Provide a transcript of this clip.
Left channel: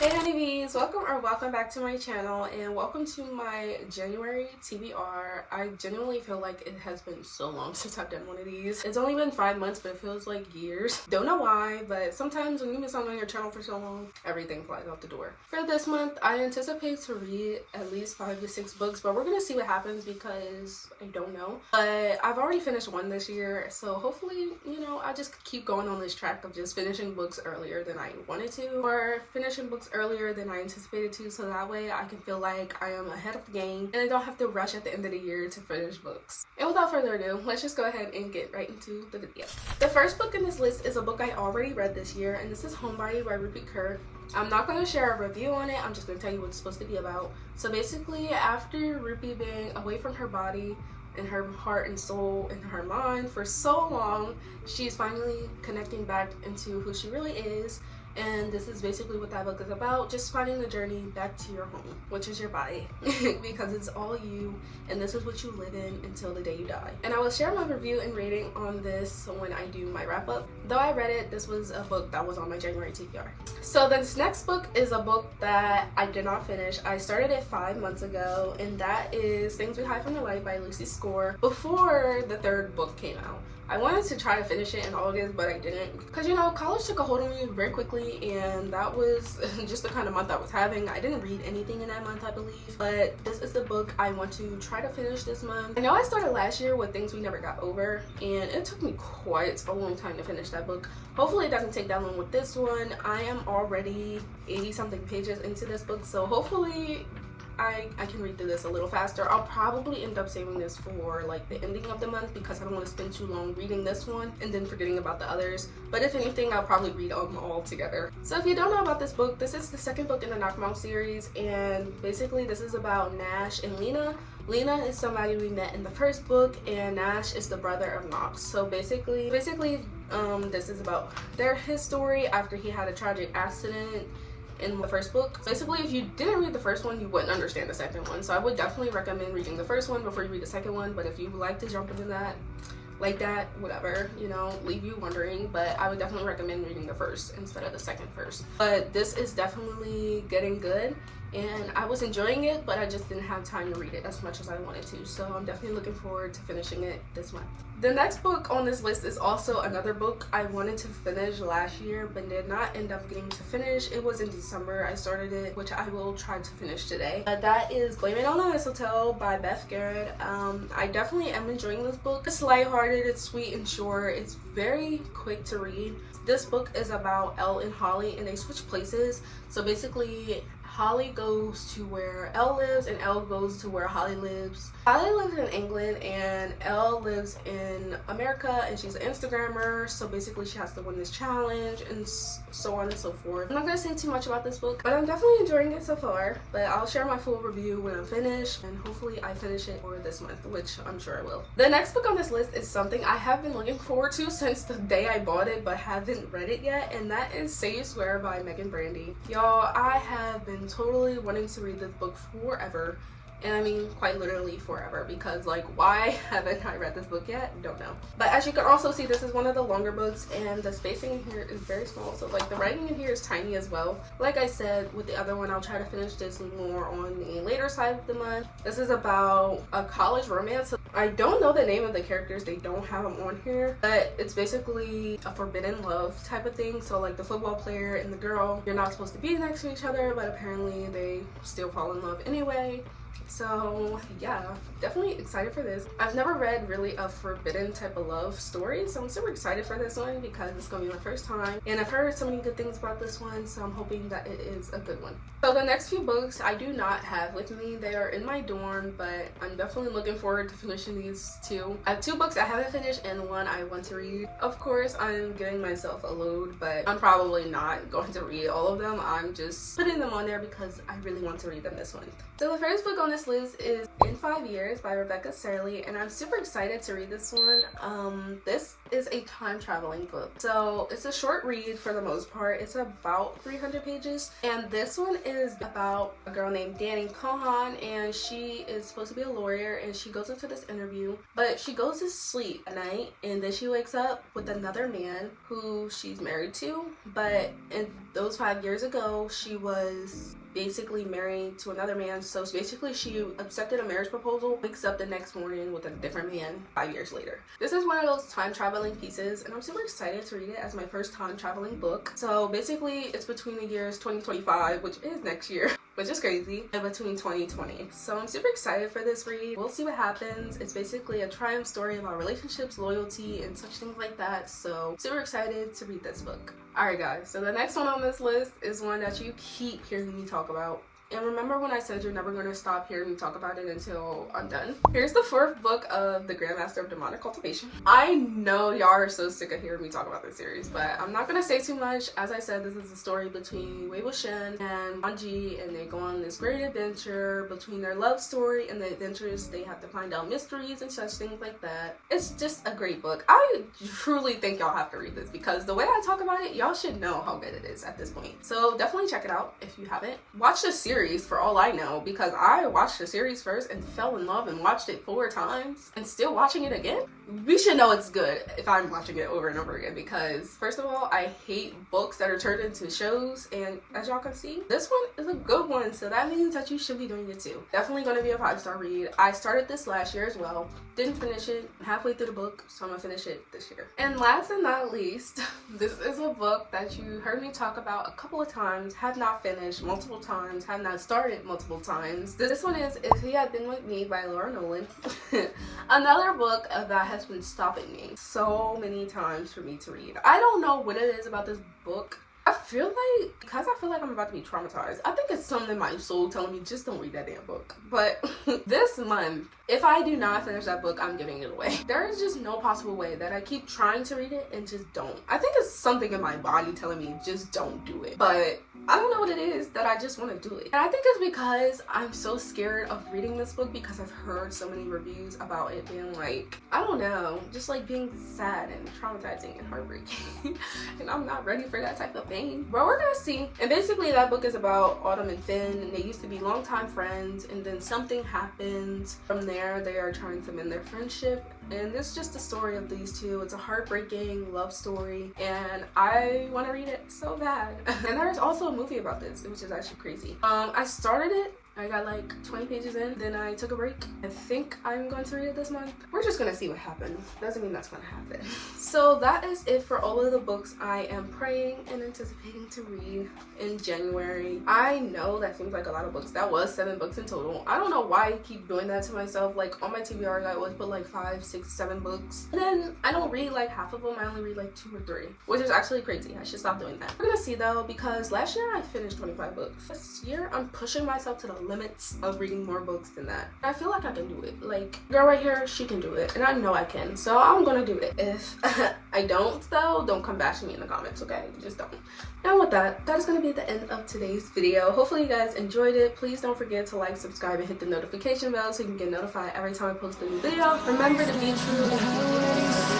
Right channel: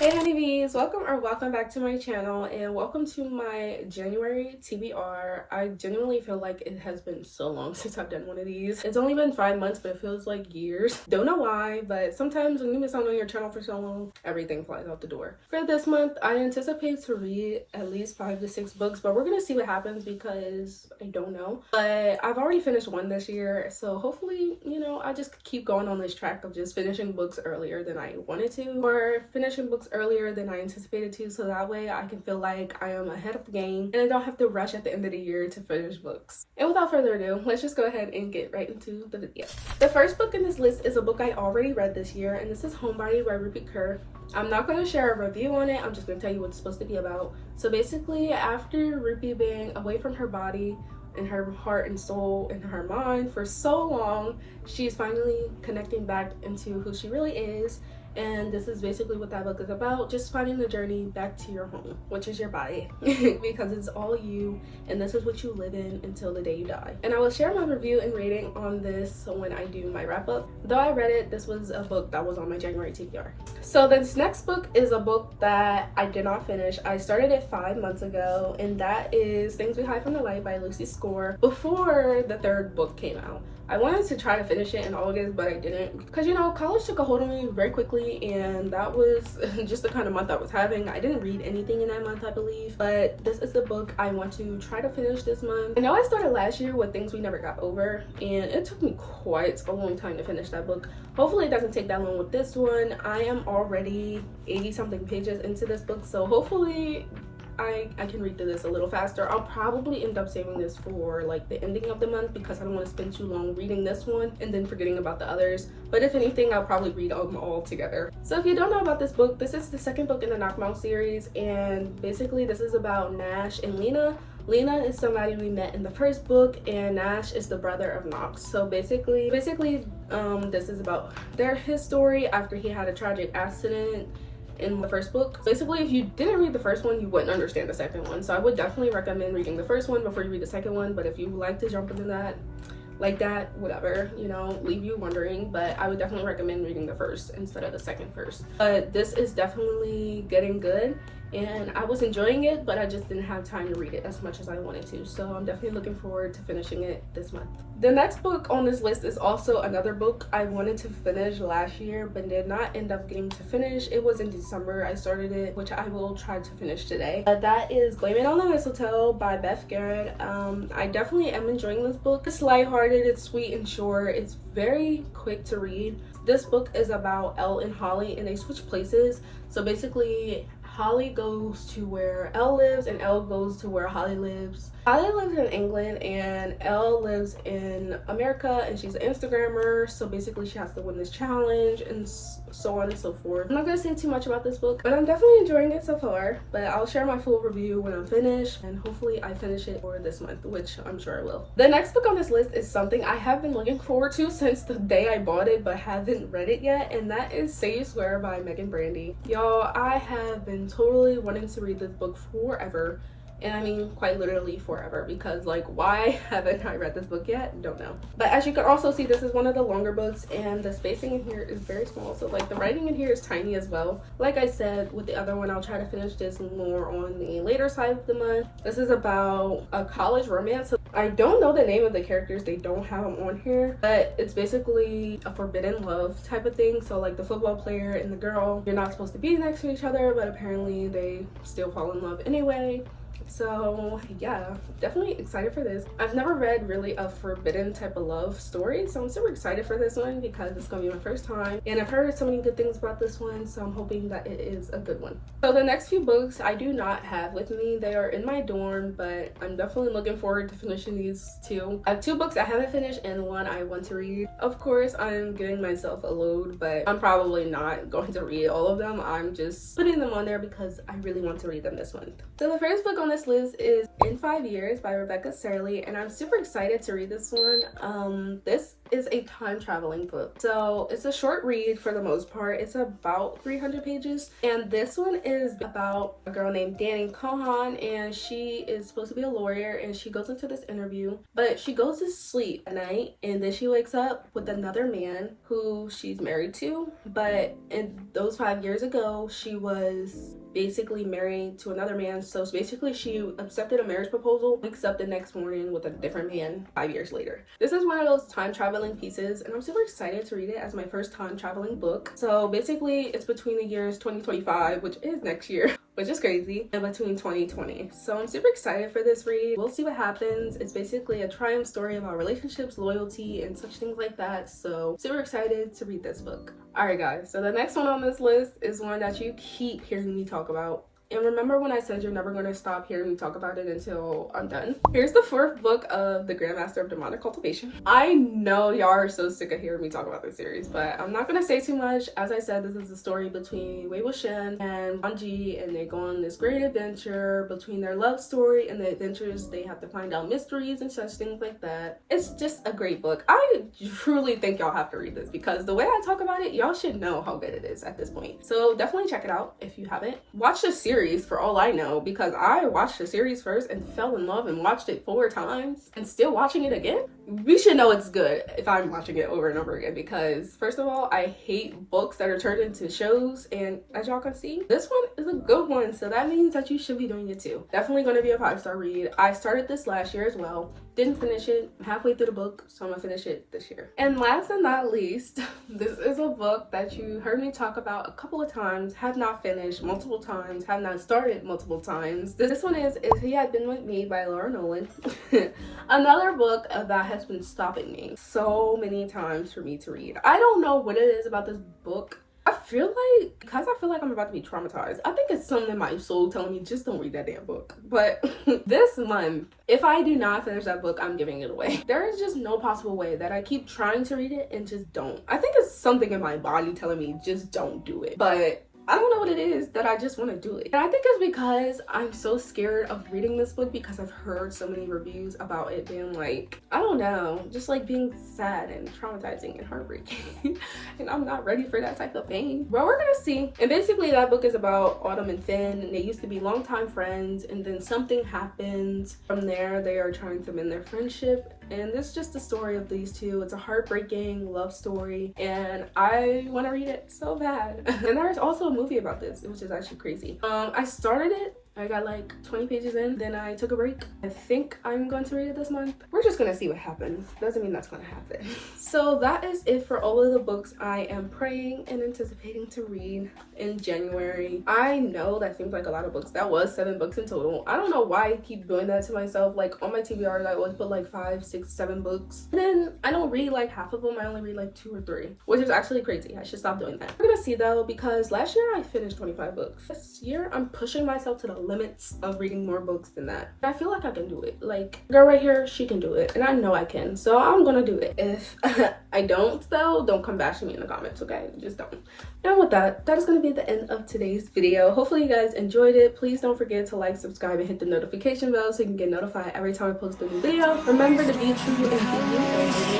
Hey honeybees, welcome back to my channel and welcome to my January TBR. I genuinely feel like it has been so long since I've done one of these. It's only been 5 months, but it feels like years. Don't know why, but sometimes when you miss out on your channel for so long, everything flies out the door. For this month, I anticipate to read at least 5 to 6 books, but we're gonna see what happens because I don't know. But I've already finished one this year, so hopefully, I just keep going on this track of just finishing books earlier than I wanted to, or finishing books earlier than I anticipated to, so that way I can feel like I am ahead of the game and I don't have to rush at the end of the year to finish books. And without further ado, let's just go ahead and get right into the video. The first book in this list is a book I already read this year, and this is Homebody by Rupi. I'm not going to share a review on it, I'm just going to tell you what it's supposed to be about. So basically, after Rupi being away from her body and her heart and soul and her mind for so long, she's finally connecting back into who she really is. And this is basically what that book is about, just finding the journey back to your home, which is your body, because it's all you, and this is what you live in until the day you die. And I will share my review and rating on this when I do my wrap up. Though I read it, this was a book that was on my January TBR. So this next book is a book that I did not finish. I started it 5 months ago, and that is Things We Hide from the Light by Lucy Score, before the third book came out. I wanted to try to finish it in August, but I didn't, because college took a hold of me very quickly, and that was just the kind of month I was having. I didn't read anything in that month, I believe, but this is the book I want to try to finish this month. I know I started last year with Things We Never Got Over, and it took me quite a long time to finish that book. Hopefully it doesn't take that long with this one. I am already 80 something pages into this book, so hopefully I can read through this a little faster. I'll probably end up saving this for like the ending of the month, because I don't want to spend too long reading this one and then forgetting about the others. But if anything, I'll probably read them all together. So if you don't know about this book, this is the second book in the Knockmouth series, and basically this is about Nash and Lena. Lena is somebody we met in the first book, and Nash is the brother of Knox. So basically this is about his story after he had a tragic accident in the first book. Basically, if you didn't read the first one, you wouldn't understand the second one. So I would definitely recommend reading the first one before you read the second one. But if you like to jump into that like that, whatever, leave you wondering, but I would definitely recommend reading the first instead of the second first. But this is definitely getting good, and I was enjoying it, but I just didn't have time to read it as much as I wanted to. So I'm definitely looking forward to finishing it this month. The next book on this list is also another book I wanted to finish last year but did not end up getting to finish. It was in December I started it, which I will try to finish today. That is Blaming on the Mistletoe by Beth Garrod. I definitely am enjoying this book. It's lighthearted, it's sweet and short, it's very quick to read. This book is about Elle and Holly, and they switch places. So basically, Holly goes to where Elle lives and Elle goes to where Holly lives. Holly lives in England and Elle lives in America, and she's an Instagrammer, so basically she has to win this challenge and so on and so forth. I'm not going to say too much about this book, but I'm definitely enjoying it so far. But I'll share my full review when I'm finished, and hopefully I finish it for this month, which I'm sure I will. The next book on this list is something I have been looking forward to since the day I bought it but haven't read it yet, and that is Say You Swear by Meagan Brandy. Y'all, I have been totally wanting to read this book forever. And I mean quite literally forever, because like, why haven't I read this book yet? Don't know. But as you can also see, this is one of the longer books, and the spacing in here is very small, so like the writing in here is tiny as well. Like I said with the other one, I'll try to finish this more on the later side of the month. This is about a college romance. So I don't know the name of the characters, they don't have them on here, but it's basically a forbidden love type of thing. So like the football player and the girl, you're not supposed to be next to each other, but apparently they still fall in love anyway. So yeah, definitely excited for this. I've never read really a forbidden type of love story, so I'm super excited for this one because it's gonna be my first time, and I've heard so many good things about this one, so I'm hoping that it is a good one. So the next few books I do not have with me. They are in my dorm, but I'm definitely looking forward to finishing these two. I have 2 books I haven't finished and 1 I want to read. Of course, I'm giving myself a load, but I'm probably not going to read all of them. I'm just putting them on there because I really want to read them this month. So the first book on this list is In 5 Years by Serle, and I'm super excited to read this one. This is a time traveling book. So it's a short read for the most part. It's about 300 pages. And this one is about a girl named Danny Cohan, and she is supposed to be a lawyer, and she goes into this interview, but she goes to sleep at night, and then she wakes up with another man who she's married to. But in those 5 years ago, she was basically married to another man. So basically she accepted a marriage proposal, wakes up the next morning with a different man 5 years later. This is one of those time traveling pieces, and I'm super excited to read it as my first time traveling book. So basically it's between the years 2025, which is next year, which is crazy, and between 2020. So I'm super excited for this read. We'll see what happens. It's basically a triumph story about relationships, loyalty, and such things like that. So super excited to read this book. Alright guys, so the next one on this list is one that you keep hearing me talk about. And remember when I said you're never going to stop hearing me talk about it until I'm done? Here's the fourth book of the Grandmaster of Demonic Cultivation. I know y'all are so sick of hearing me talk about this series, but I'm not going to say too much. As I said, this is a story between 봏𴏏 and Brandy, and they go on this great adventure between their love story and the adventures. They have to find out mysteries and such things like that. It's just a great book. I truly think y'all have to read this because the way I talk about it, y'all should know how good it is at this point. So definitely check it out if you haven't. Watch the series for all I know, because I watched the series first and fell in love and watched it 4 times and still watching it again. We should know it's good if I'm watching it over and over again, because first of all, I hate books that are turned into shows, and as y'all can see, this one is a good one, so that means that you should be doing it too. Definitely going to be a 5-star read. I started this last year as well, didn't finish it, halfway through the book, so I'm gonna finish it this year. And last and not least, this is a book that you heard me talk about a couple of times, have not finished multiple times, have not started multiple times. This one is If He Had Been With Me by Laura Nowlin. Another book that has been stopping me so many times for me to read. I don't know what it is about this book. I feel like I'm about to be traumatized. I think it's something in my soul telling me just don't read that damn book. But this month, if I do not finish that book, I'm giving it away. There is just no possible way that I keep trying to read it and just don't. I think it's something in my body telling me just don't do it. But I don't know what it is that I just want to do it. And I think it's because I'm so scared of reading this book because I've heard so many reviews about it being like, I don't know, just like being sad and traumatizing and heartbreaking. And I'm not ready for that type of pain. But we're gonna see. And basically that book is about Autumn and Finn, and they used to be longtime friends, and then something happens. From there, they are trying to mend their friendship. And this is just the story of these two. It's a heartbreaking love story, and I want to read it so bad. And there's also a movie about this, which is actually crazy. I started it, I got like 20 pages in, then I took a break. I think I'm going to read it this month. We're just gonna see what happens. Doesn't mean that's gonna happen. So that is it for all of the books I am praying and anticipating to read in January. I know that seems like a lot of books. That was 7 books in total. I don't know why I keep doing that to myself. Like on my TBRs, I always put like 5, 6, 7 books. And then I don't read like half of them. I only read like 2 or 3, which is actually crazy. I should stop doing that. We're gonna see though, because last year I finished 25 books. This year I'm pushing myself to the limits of reading more books than that. I feel like I can do it. Like, girl right here, she can do it, and I know I can, so I'm gonna do it. If I don't though, don't come back to me in the comments, okay? Just don't. And with that, that is gonna be the end of today's video. Hopefully you guys enjoyed it. Please don't forget to like, subscribe, and hit the notification bell so you can get notified every time I post a new video. Remember to be true and be you.